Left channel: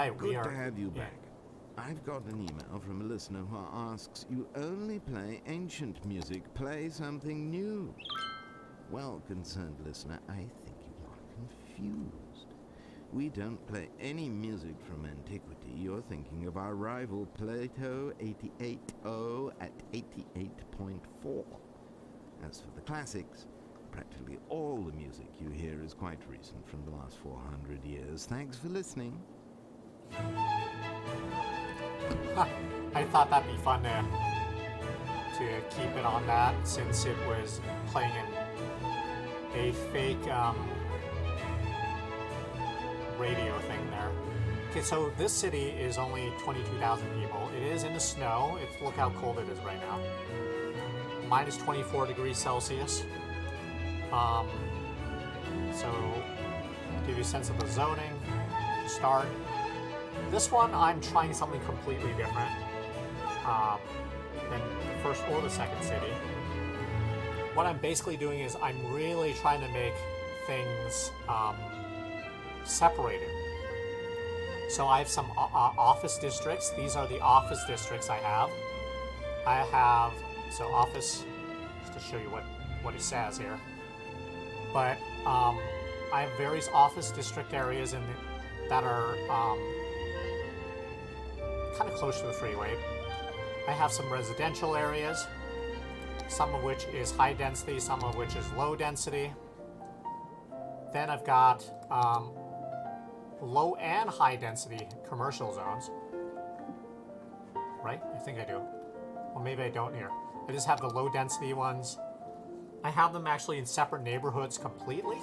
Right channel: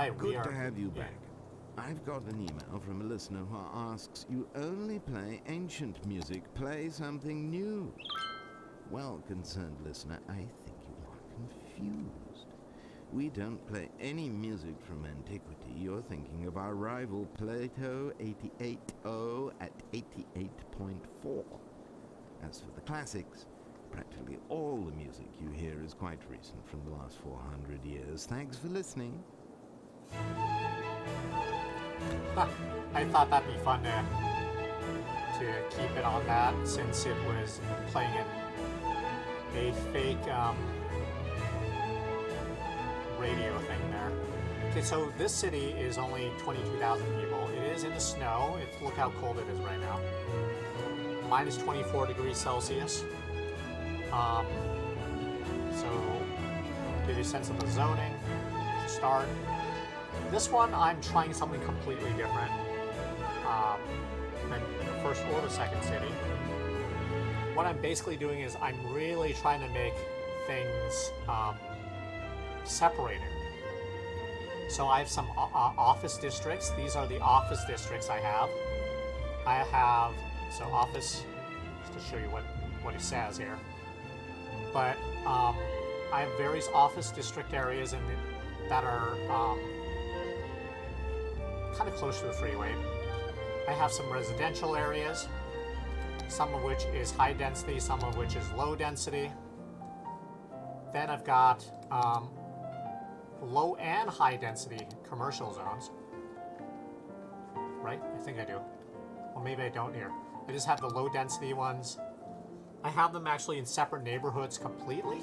right. Good to have you back. I've got an email from a listener who asks, you only play ancient music, play something new. Well, concerned listener, I think you are confused. We don't play any music from antiquity. You're thinking of our rival Plato 88.0 at 88.4. As for the classics, practically all the music you hear is quite recent, from the last 400 years. Thanks for listening. I thought that'd be fun to keep it on that, since it was playing a fake radio thing there. Okay, so this city is only 22,000 people. It is in the snow. Look how cold it is right now. Minus 24 degrees Celsius. So, give you a sense of the zoning. Start. This one, I'm trying something completely different than the first one or the second city. What I'm basically doing is I'm really trying to make things separated. So I have some office districts. These are the office districts I have. So office, just to show you what it says here. But I have various office district areas that are kind of close to the freeway. I have some residential areas, some of which is high density, some of which is low density. Then I've got low and high density commercial zones. Right? I think I do. Well, maybe I don't here. I just have the low density ones. I have them actually in separate neighborhoods completely.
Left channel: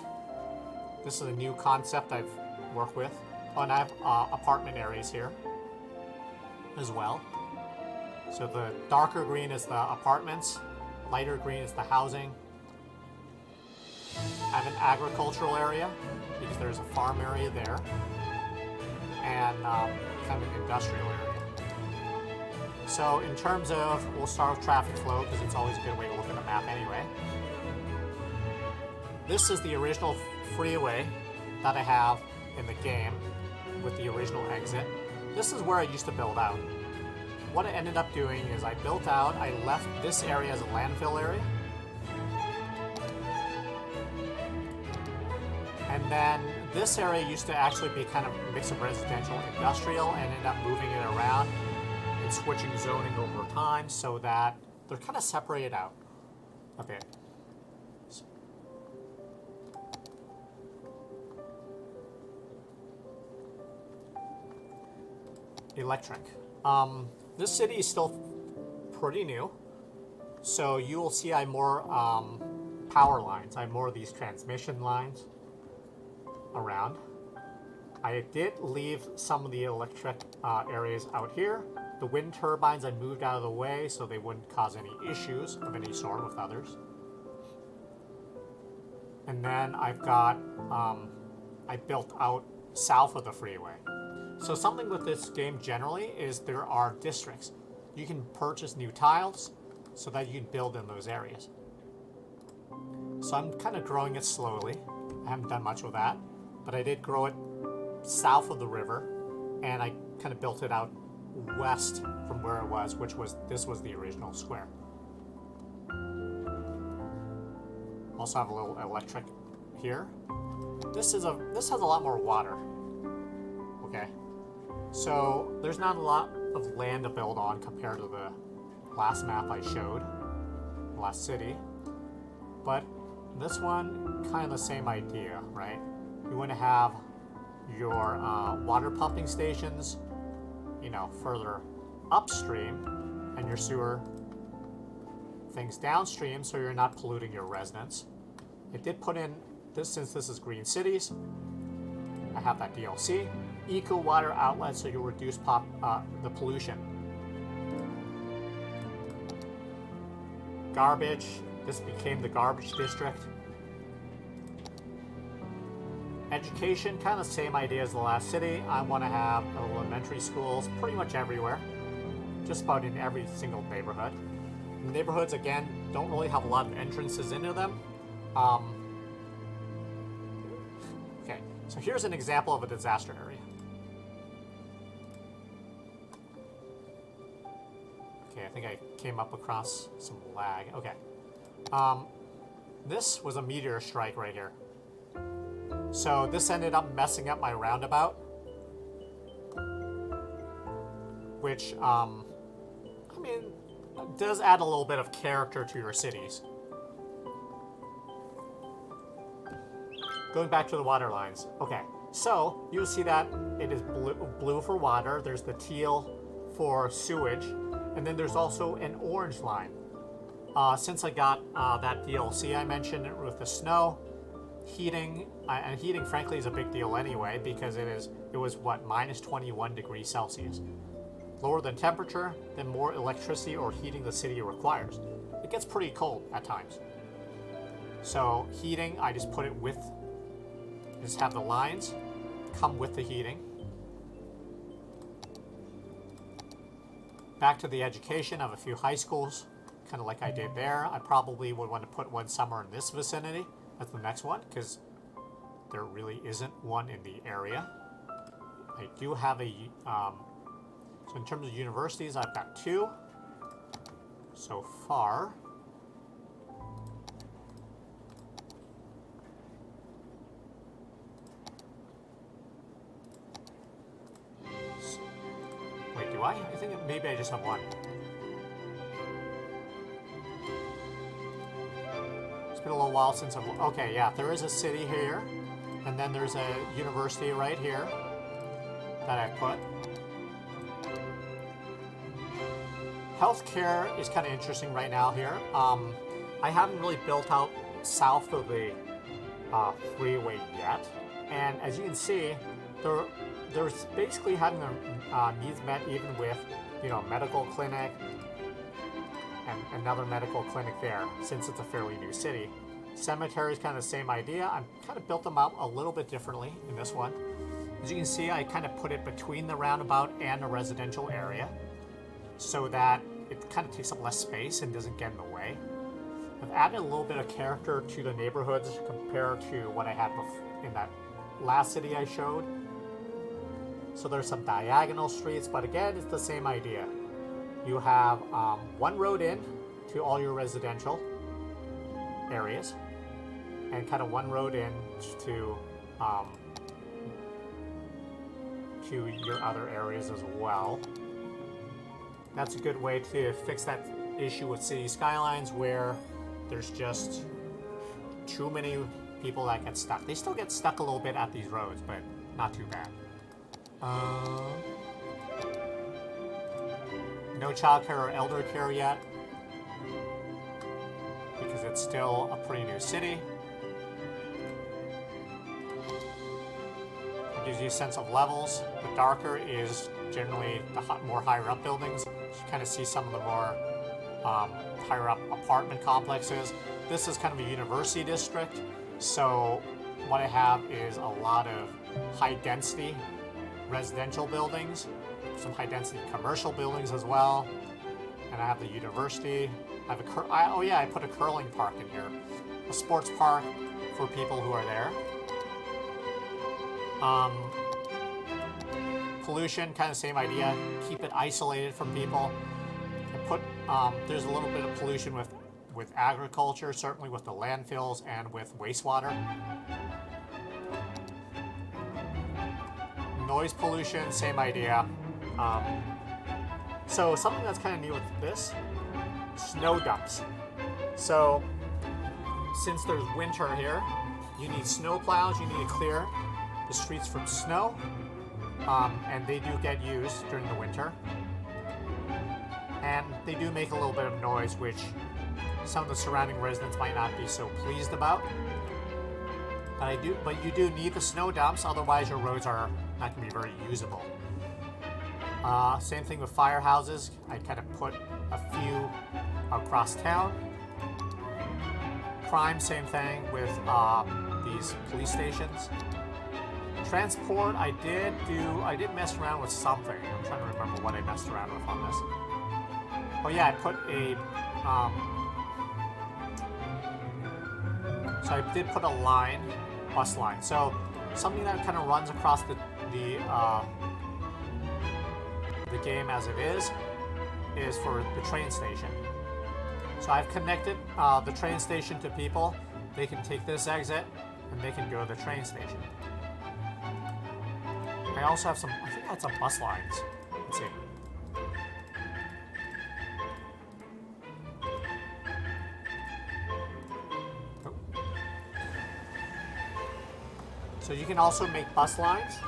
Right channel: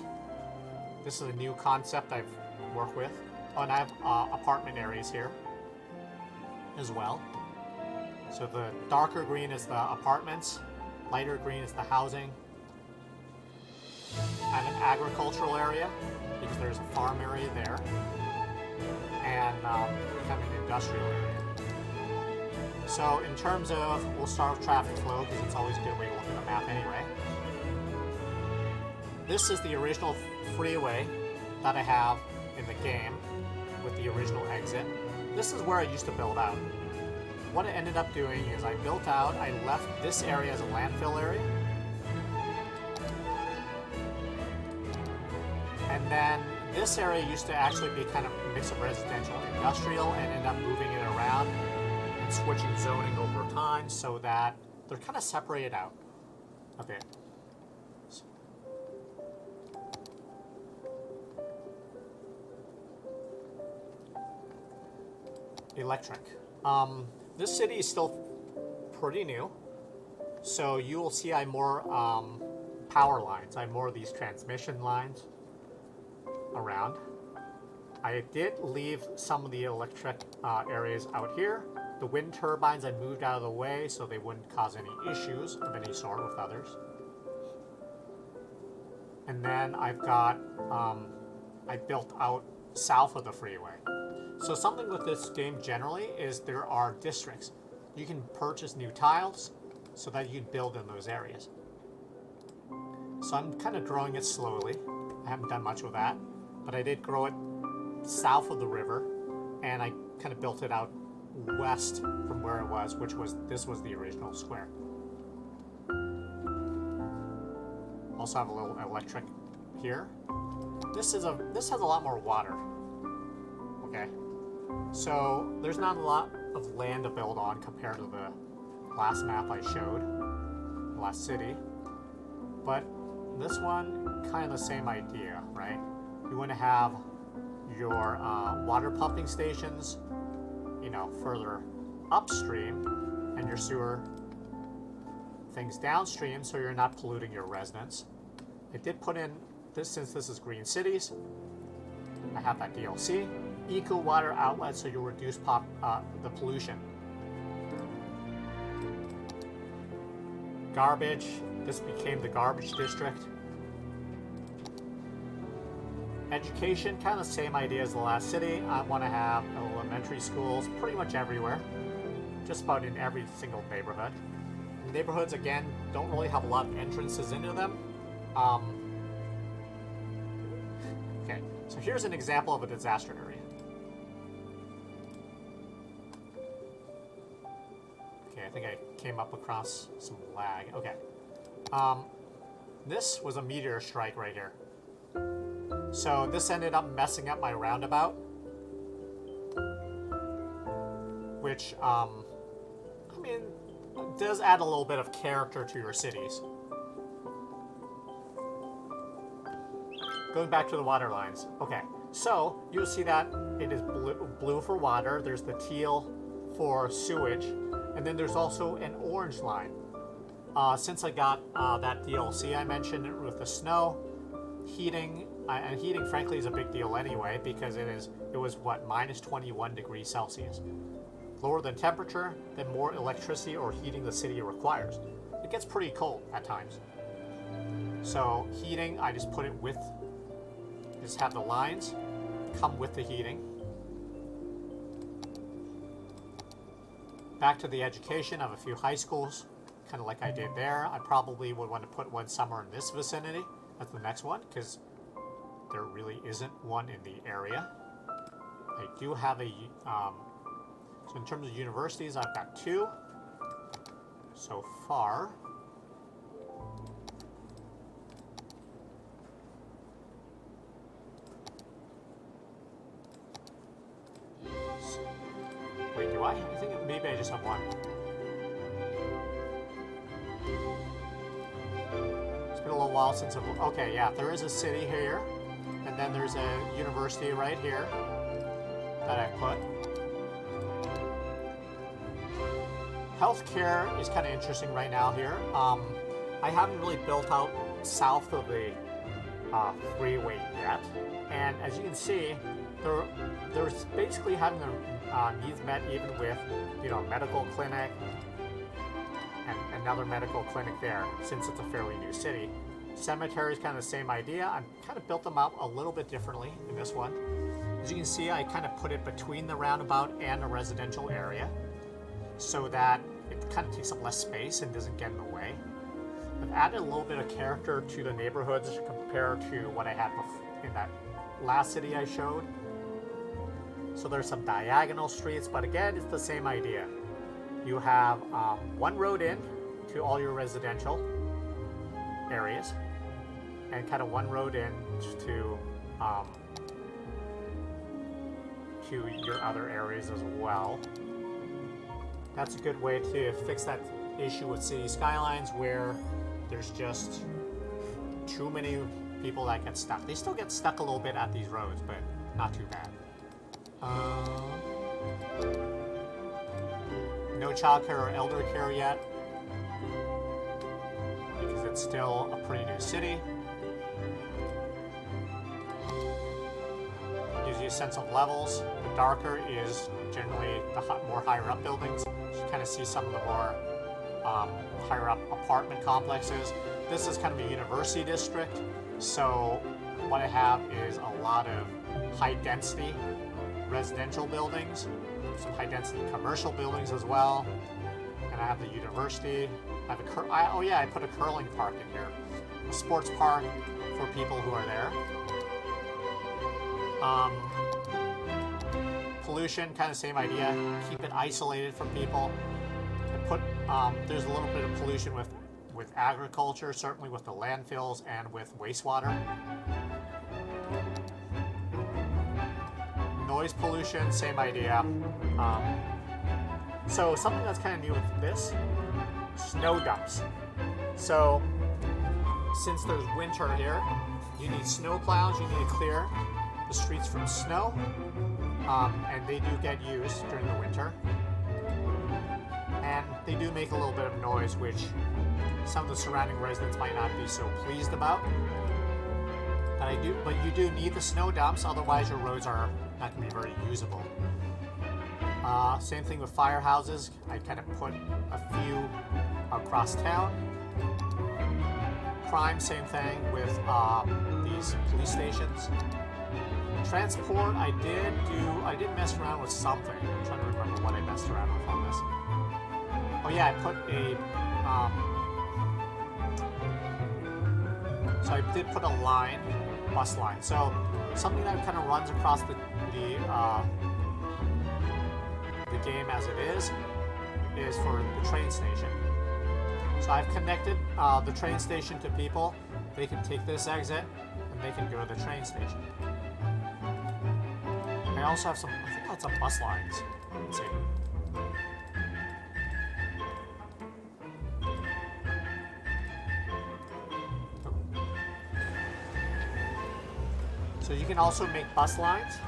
This is a new concept I've worked with. But I have apartment areas here as well. So the darker green is the apartments, lighter green is the housing. I have an agricultural area, because there's a farm area there, and we have an industrial area. So in terms of, we'll start with traffic flow, because it's always going to make a map anyway. This is the original freeway that I have in the game with the original exit. This is where I used to build out. What I ended up doing is I built out, I left this area as a landfill area. And then this area used to actually be kind of some residential industrial. I ended up moving it around and switching zoning over time so that they're kind of separated out a bit. Electric. This city is still pretty new, so you will see I have more power lines. I have more of these transmission lines around. I did leave some of the electric areas out here. The wind turbines I moved out of the way so they wouldn't cause any issues of any sort with others. And then I've got, I built out south of the freeway. So something with this game generally is there are districts. You can purchase new tiles so that you can build in those areas. So I'm kind of growing it slowly. I haven't done much with that, but I did grow it south of the river, and I kind of built it out west from where it was, this was the original square. Also have a little electric here. This has a lot more water. Okay, so there's not a lot of land to build on compared to the last map I showed, last city. But this one, kind of the same idea, right? You would have your water pumping stations, further upstream, and your sewer things downstream, so you're not polluting your residents. I did put in this, since this is green cities, I have that DLC, eco water outlet, so you reduce the pollution. Garbage, this became the garbage district. Education, kind of the same idea as the last city. I want to have elementary schools pretty much everywhere, just about in every single neighborhood. Neighborhoods, again, don't really have a lot of entrances into them. Okay, so here's an example of a disaster area. this was a meteor strike right here. So this ended up messing up my roundabout, which, I mean, does add a little bit of character to your cities. Going back to the water lines. Okay, so you'll see that it is blue for water, there's the teal for sewage, and then there's also an orange line. Since I got that DLC I mentioned, and with the snow, heating frankly is a big deal anyway, because it was what, minus 21 degrees Celsius. Lower the temperature, then more electricity or heating the city requires. It gets pretty cold at times. So heating, I just put it with, just have the lines come with the heating. Back to the education of a few high schools, kind of like I did there. I probably would want to put one somewhere in this vicinity. That's the next one, because there really isn't one in the area. I do have a, so in terms of universities, I've got 2 so far. Wait, do I have anything? Maybe I just have one. It's been a little while since okay, yeah, there is a city here, and then there's a university right here that I put. Healthcare is kind of interesting right now here. I haven't really built out south of the freeway yet, and as you can see, there's basically having the needs met even with, medical clinic and another medical clinic there, since it's a fairly new city. Cemetery is kind of the same idea. I kind of built them out a little bit differently in this one. As you can see, I kind of put it between the roundabout and a residential area, so that it kind of takes up less space and doesn't get in the way. I've added a little bit of character to the neighborhoods compared to what I had in that last city I showed. So there's some diagonal streets, but again, it's the same idea. You have one road in to all your residential areas, and kind of one road in to your other areas as well. That's a good way to fix that issue with city skylines, where there's just too many people that get stuck. They still get stuck a little bit at these roads, but not too bad. No childcare or elder care yet, because it's still a pretty new city. Gives you a sense of levels. The darker is generally the more higher up buildings. So you kind of see some of the more higher up apartment complexes. This is kind of a university district, so what I have is a lot of high density residential buildings, some high density commercial buildings as well. And I have the university. I put a curling park in here, a sports park for people who are there. Pollution, kind of same idea. Keep it isolated from people. There's a little bit of pollution with agriculture, certainly with the landfills and with wastewater. Noise pollution, same idea. So something that's kind of new with this, snow dumps. So since there's winter here, you need snow plows, you need to clear the streets from snow, and they do get used during the winter. And they do make a little bit of noise, which some of the surrounding residents might not be so pleased about. But you do need the snow dumps, otherwise your roads are not going to be very usable. Same thing with firehouses. I kind of put a few across town. Crime, same thing with these police stations. Transport, I did mess around with something. I'm trying to remember what I messed around with on this. Oh yeah, I put so I did put a line, bus line. So something that kind of runs across the game as it is for the train station. So I've connected the train station to people, they can take this exit and they can go to the train station. They also have some, I think that's some bus lines. Let's see. So you can also make bus lines,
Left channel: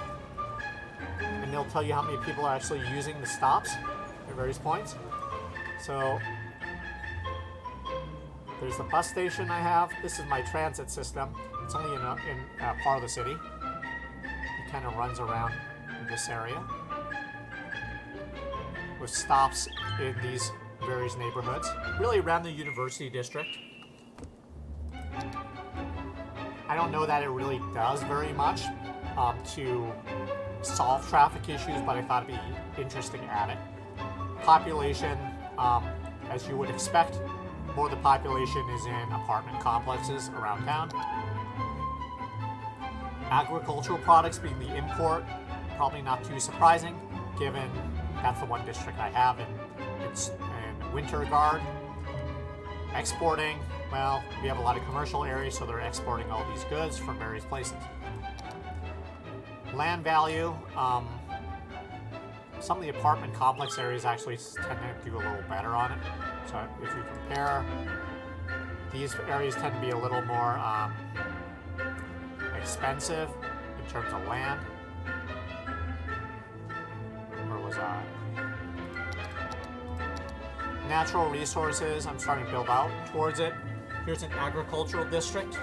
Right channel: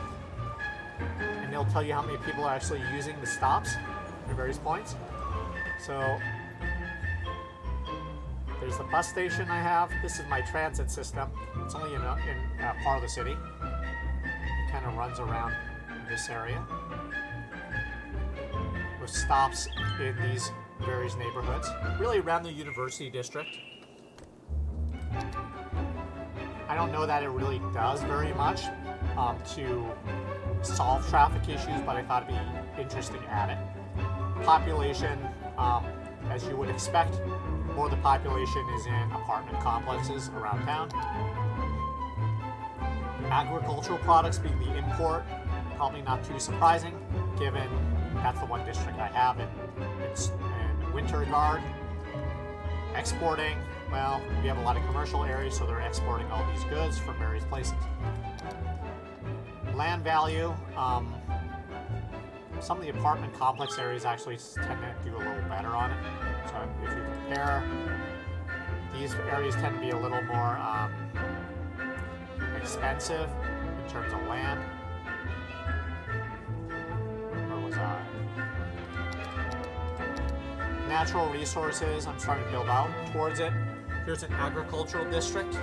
and they'll tell you how many people are actually using the stops at various points. So there's the bus station I have. This is my transit system. It's only in a part of the city. It kind of runs around this area with stops in these various neighborhoods, really around the university district. I don't know that it really does very much to solve traffic issues, but I thought it'd be interesting to add it. Population, as you would expect, more of the population is in apartment complexes around town. Agricultural products being the import, probably not too surprising, given that's the one district I have in Wintergard. Exporting, well, we have a lot of commercial areas, so they're exporting all these goods from various places. Land value, some of the apartment complex areas actually tend to do a little better on it. So if you compare, these areas tend to be a little more expensive in terms of land. Natural resources, I'm starting to go out towards it. Here's an agricultural district,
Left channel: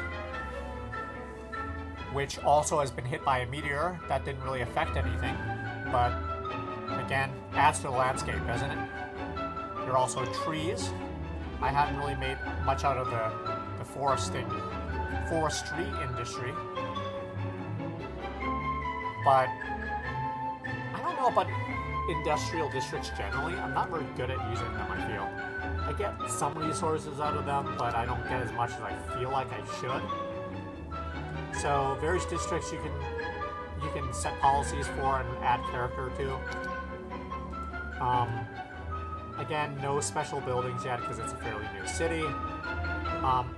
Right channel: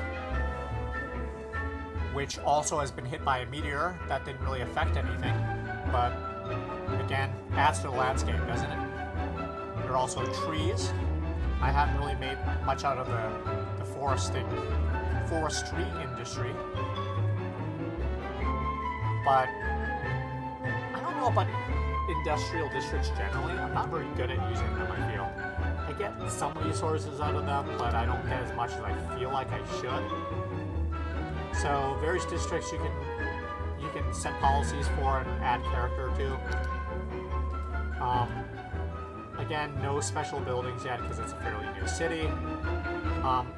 which also has been hit by a meteor. That didn't really affect anything, but again, adds to the landscape, doesn't it? There are also trees. I haven't really made much out of the forestry industry, but I don't know about industrial districts generally. I'm not very good at using them. I feel I get some resources out of them, but I don't get as much as I feel like I should. So various districts you can set policies for and add character to. Again, no special buildings yet because it's a fairly new city.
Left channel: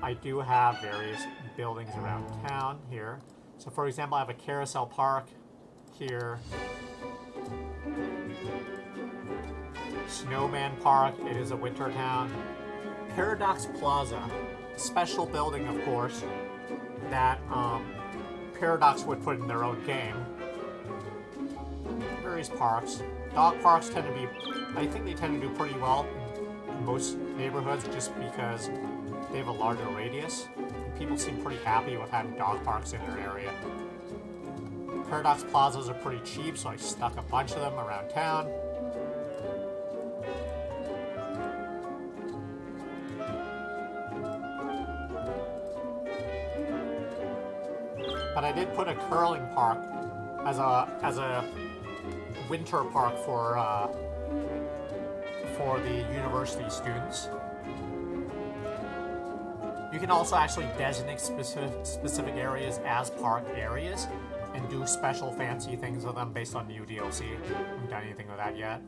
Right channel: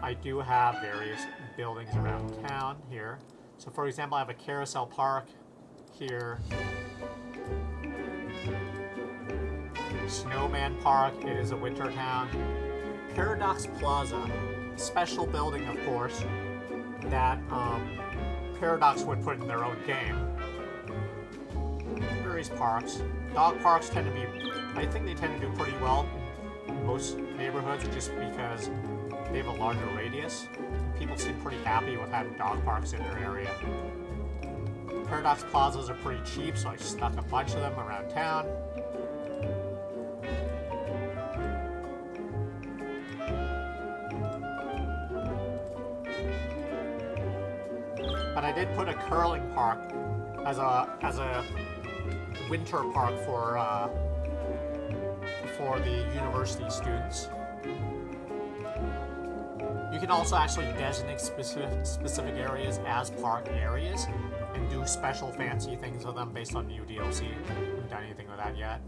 I do have various buildings around town here. So for example, I have a carousel park here. Snowman Park is a winter town. Paradox Plaza, special building of course, that Paradox would put in their own game. Various parks. Dog parks tend to be, I think they tend to do pretty well in most neighborhoods just because they have a larger radius. People seem pretty happy with having dog parks in their area. Paradox Plazas are pretty cheap, so I stuck a bunch of them around town. But I did put a curling park as a winter park for the university students. You can also actually designate specific areas as park areas and do special fancy things with them based on UDOC. Haven't done anything with that yet.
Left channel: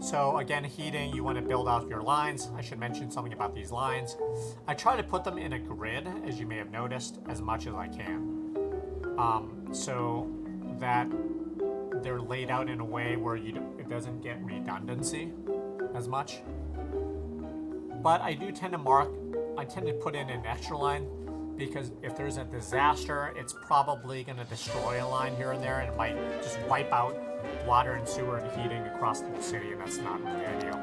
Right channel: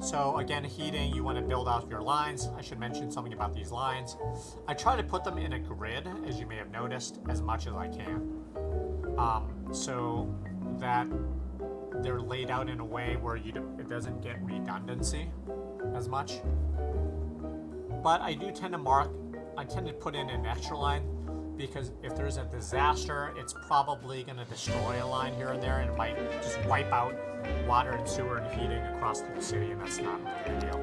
So again, heating, you want to build out your lines. I should mention something about these lines. I try to put them in a grid, as you may have noticed, as much as I can. So that they're laid out in a way where it doesn't get redundancy as much. But I do tend to put in an extra line because if there's a disaster, it's probably going to destroy a line here or there, and it might just wipe out water and sewer and heating across the city, and that's not the idea.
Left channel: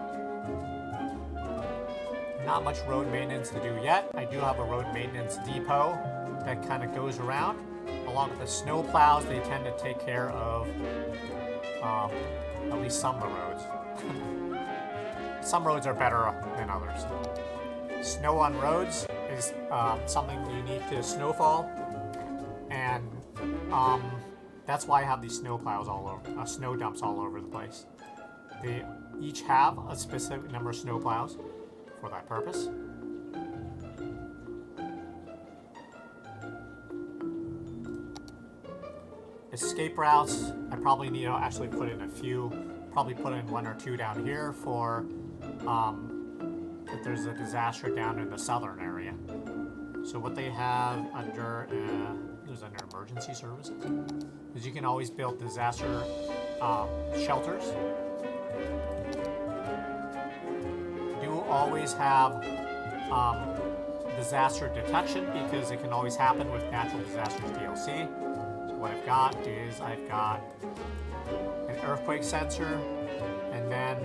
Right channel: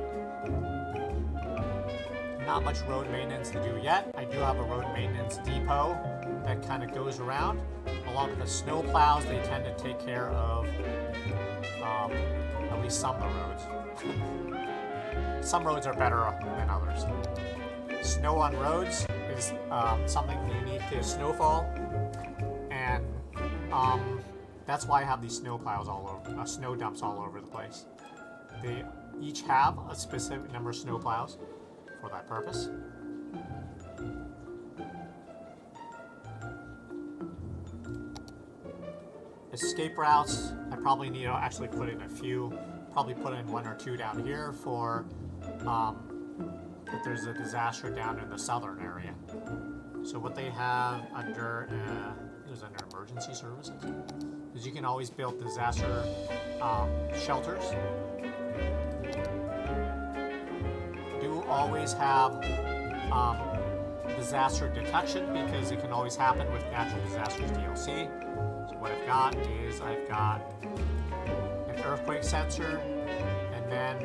Not much road maintenance to do yet. I do have a road maintenance depot that kind of goes around. Along with the snow plows, they tend to take care of at least some of the roads. Some roads are better than others. Snow on roads is something unique to snowfall, and that's why I have these snow plows snow dumps all over the place. They each have a specific number of snow plows for that purpose. Escape routes, I probably need to actually put in a few. probably put in one or two down here for if there's a disaster down in the southern area. So what they have under emergency services is you can always build disaster shelters. You will always have disaster detection because it can always happen with natural disasters DLC. So what I've got is I've got an earthquake sensor, and then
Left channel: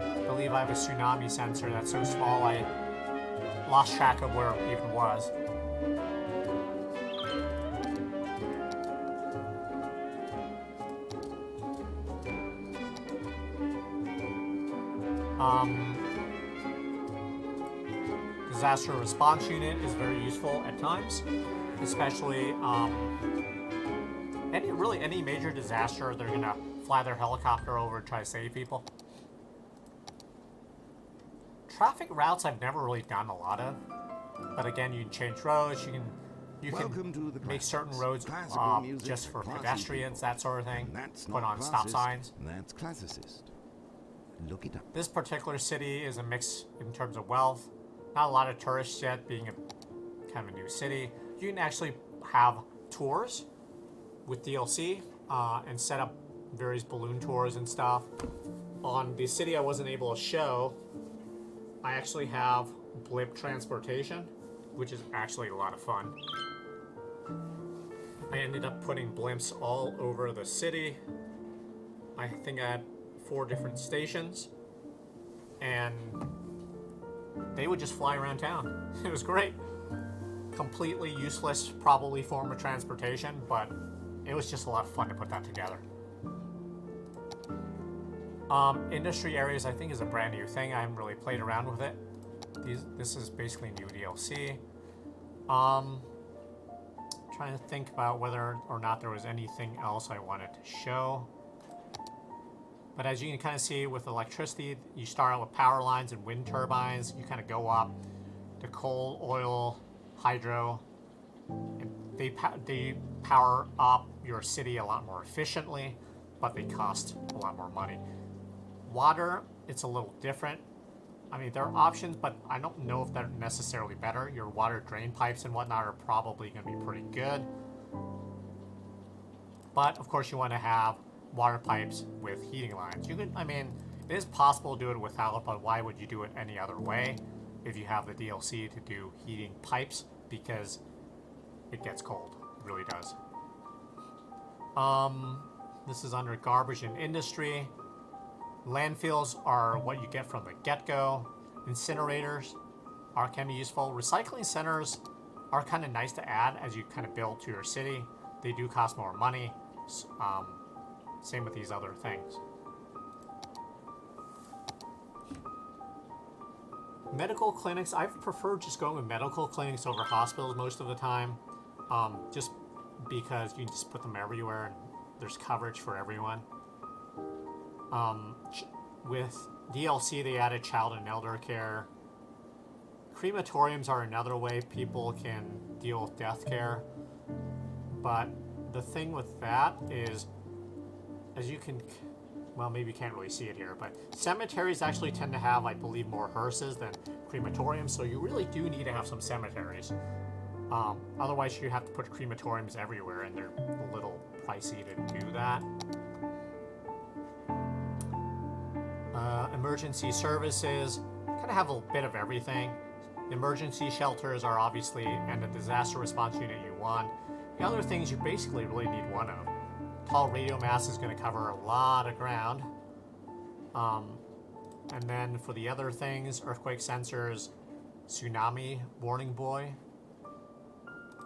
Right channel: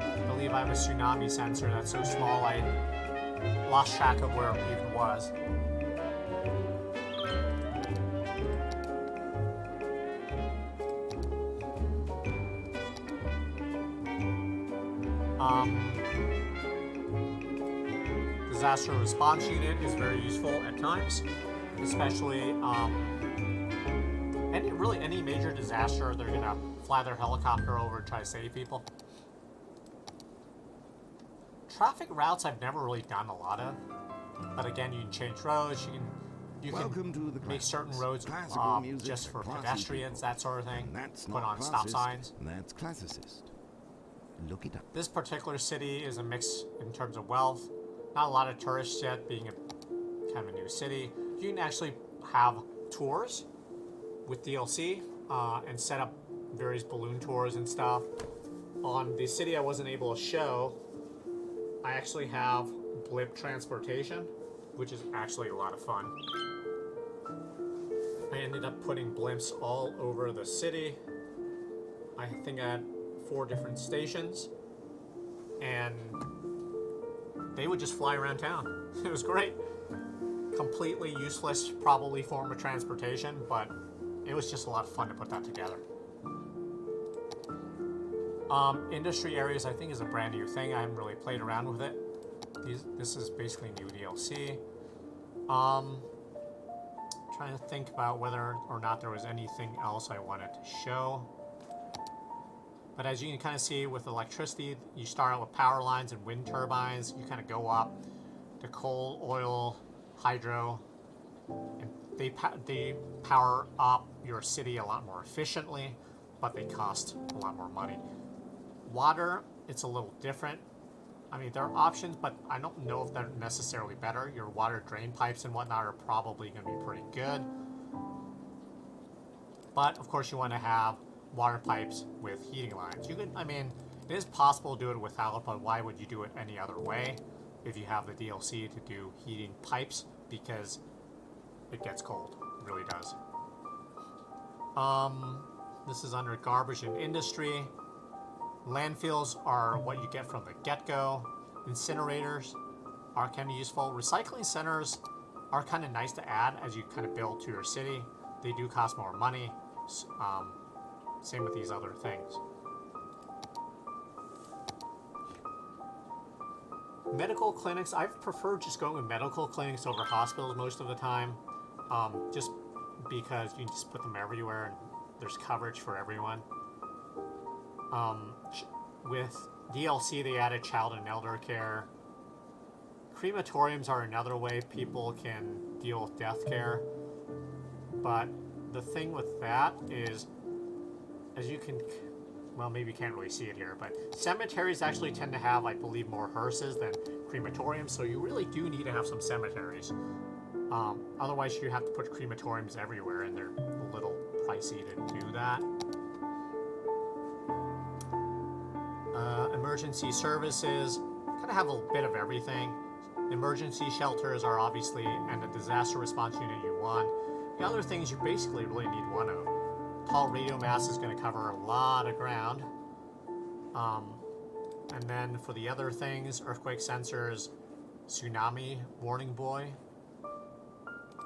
I believe I have a tsunami sensor that's so small I lost track of where it even was. Disaster response unit is very useful at times, especially and really any major disaster, they're gonna fly their helicopter over and try to save people. Traffic routes I've never really done a lot of, but again, you can change roads. Welcome to the make classics. certain roads Classical music just for for classy pedestrians, people. that sort of thing. And that's Put not on stop classist, signs. that's classicist. Look it up. This particular city is a mix in terms of wealth. Not a lot of tourists yet, being a kind of a new city. You can actually have tours with DLC and set up various balloon tours and stuff. On the city I wasn't able to show, I actually have blimp transportation, which is actually a lot of fun. I ended up putting blimps all over the city. I think I had 4 different stations, and they would just fly around town. It was great. Completely useless, probably form of transportation, but it was just a lot of fun to put that together. Industry areas, I think, is a brand new thing. I haven't really played around with it. This is basically new DLC. Trying to think about whether or not there was anything else I wanted to show. But as you can kind of see with electricity, you start out with power lines and wind turbines. You kind of go up to coal, oil, hydro. They power up your city a lot more efficiently, but they cost a lot more money. Water, it's a little different. I mean, there are options, but I don't know if they're necessarily better. Your water drain pipes and whatnot are probably going to be pretty good. But, of course, you want to have water pipes with heating lines. You can, I mean, it is possible to do it without it, but why would you do it any other way if you have the DLC to do heating pipes? Because it gets cold. It really does. This is under garbage and industry. Landfills are what you get from the get-go. Incinerators can be useful. Recycling centers are kind of nice to add as you kind of build to your city. They do cost more money. Same with these other things. Medical clinics, I prefer just going with medical clinics over hospitals most of the time. Just because you just put them everywhere. There's coverage for everyone. With DLC, they added child and elder care. Crematoriums are another way people can deal with death care. But the thing with that is, as you can, well, maybe you can't really see it here, but cemeteries actually tend to have, I believe, more hearses than crematoriums, so you really do need to have some cemeteries. Otherwise, you're going to have to put crematoriums everywhere, and they're a little pricey to do that. Emergency services kind of have a bit of everything. Emergency shelters are obviously, and a disaster response unit you want. The other things you basically really need one of. Tall radio mast is going to cover a lot of ground. And then for the other things, earthquake sensors, tsunami warning buoy,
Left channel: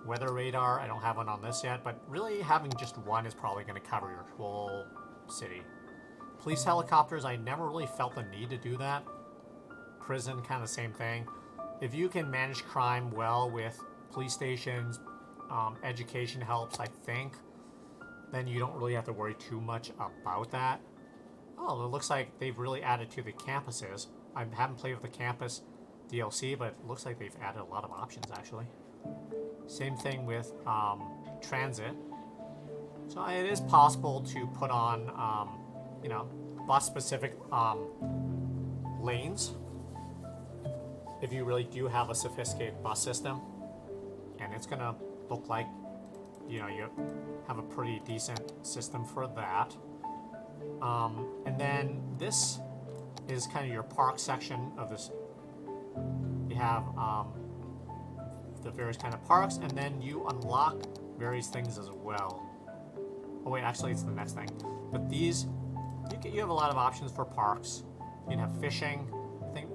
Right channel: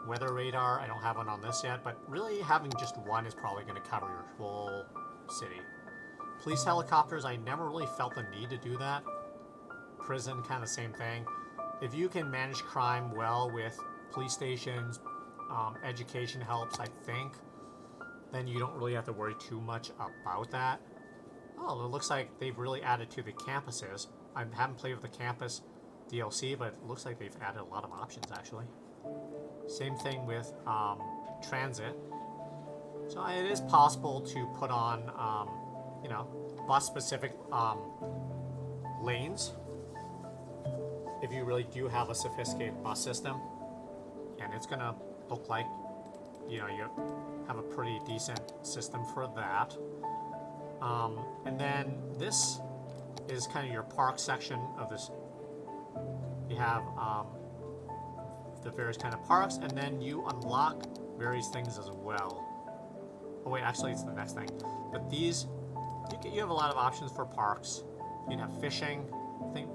weather radar. I don't have one on this yet, but really having just one is probably going to cover your whole city. Police helicopters, I never really felt the need to do that. Prison, kind of same thing. If you can manage crime well with police stations, education helps, I think, then you don't really have to worry too much about that. Oh, it looks like they've really added to the campuses. I haven't played with the campus DLC, but it looks like they've added a lot of options, actually. Same thing with transit. So it is possible to put on you know, bus specific lanes. If you really do have a sophisticated bus system, and it's gonna look like, you know, you have a pretty decent system for that. And then this is kind of your park section of this. You have the various kind of parks, and then you unlock various things as well. Oh wait, actually it's the next thing. But these, you have a lot of options for parks. You can have fishing. I think,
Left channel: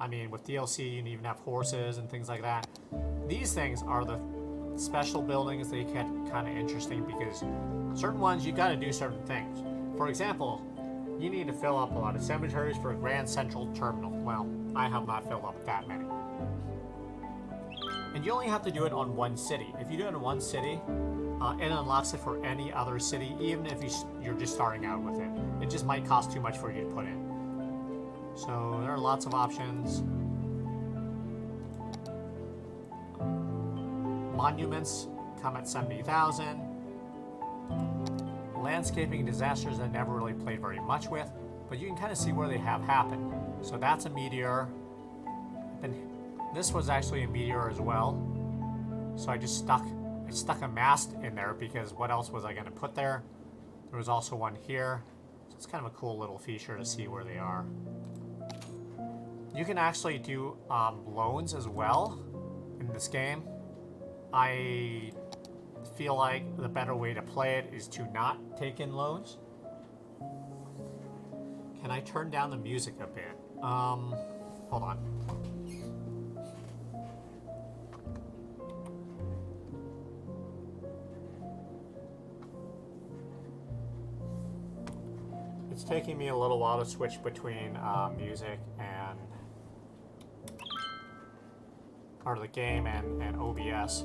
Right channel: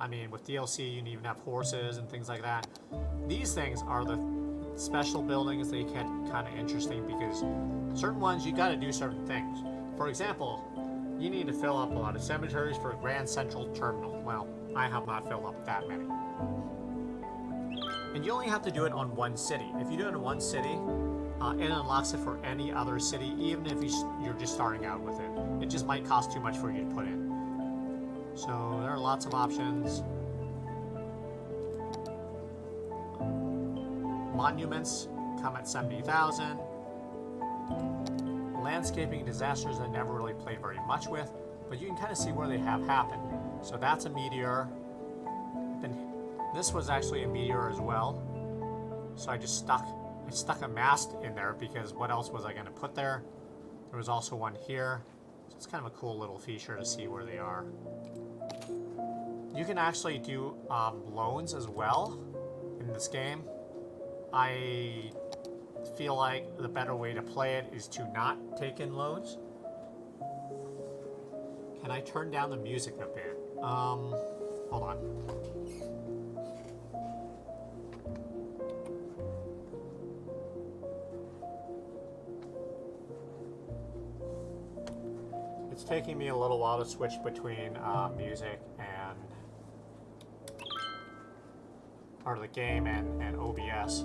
I mean, with DLC you can even have horses and things like that. These things are the special buildings that get kind of interesting because certain ones you got to do certain things. For example, you need to fill up a lot of cemeteries for a Grand Central Terminal. Well, I have not filled up that many. And you only have to do it on one city. If you do it in one city, it unlocks it for any other city, even if you're just starting out with it. It just might cost too much for you to put in. So there are lots of options. Monuments come at 70,000. Landscaping disasters I never really played very much with, but you can kind of see where they have happened. So that's a meteor. And this was actually a meteor as well. So I stuck a mast in there because what else was I going to put there? There was also one here. So it's kind of a cool little feature to see where they are. You can actually do loads as well in this game. I feel like the better way to play it is to not take in loads. Can I turn down the music a bit? Hold on. It's taking me a little while to switch between music and part of the game and OBS.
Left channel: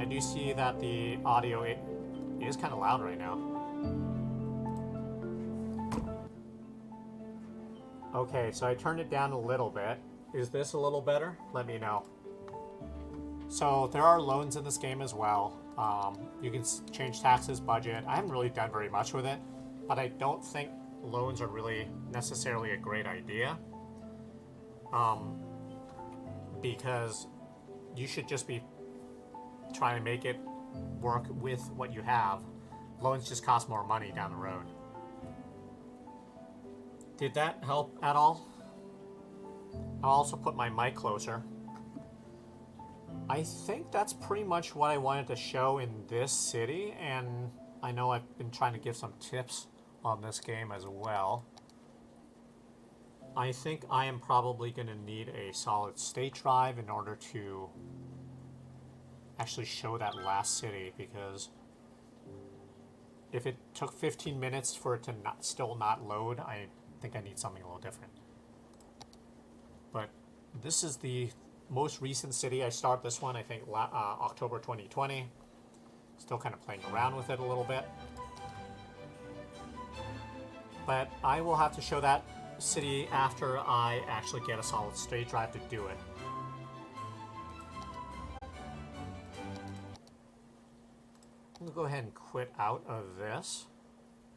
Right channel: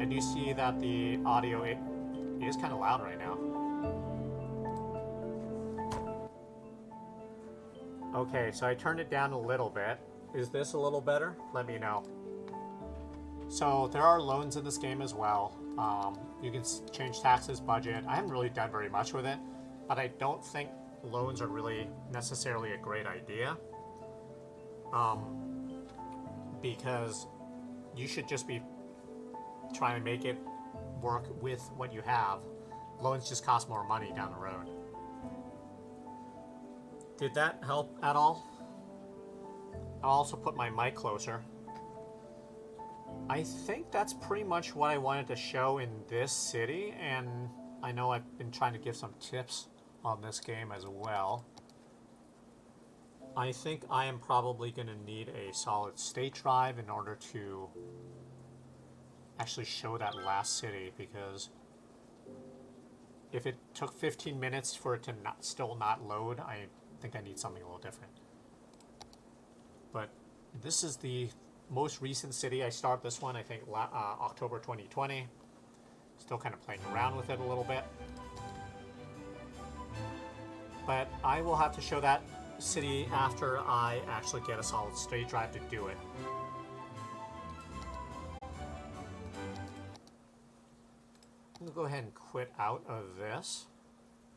And you see that the audio is kind of loud right now. Okay, so I turned it down a little bit. Is this a little better? Let me know. So there are loans in this game as well. You can change taxes, budget. I haven't really done very much with it, but I don't think loans are really necessarily a great idea. Because you should just be trying to make it work with what you have. Loans just cost more money down the road. Did that help at all? I'll also put my mic closer. I think that's pretty much what I wanted to show in this city, and I know I've been trying to give some tips on this game as well. I think I am probably going to need a solid state drive in order to actually show that last city, because if it took 15 minutes for it to still not load, I think I need something a little different. But this is the most recent city. I started this one, I think, October 2020. Still kind of playing around with it a little bit. But I will have to show that city after I actually get a solid state drive to do it.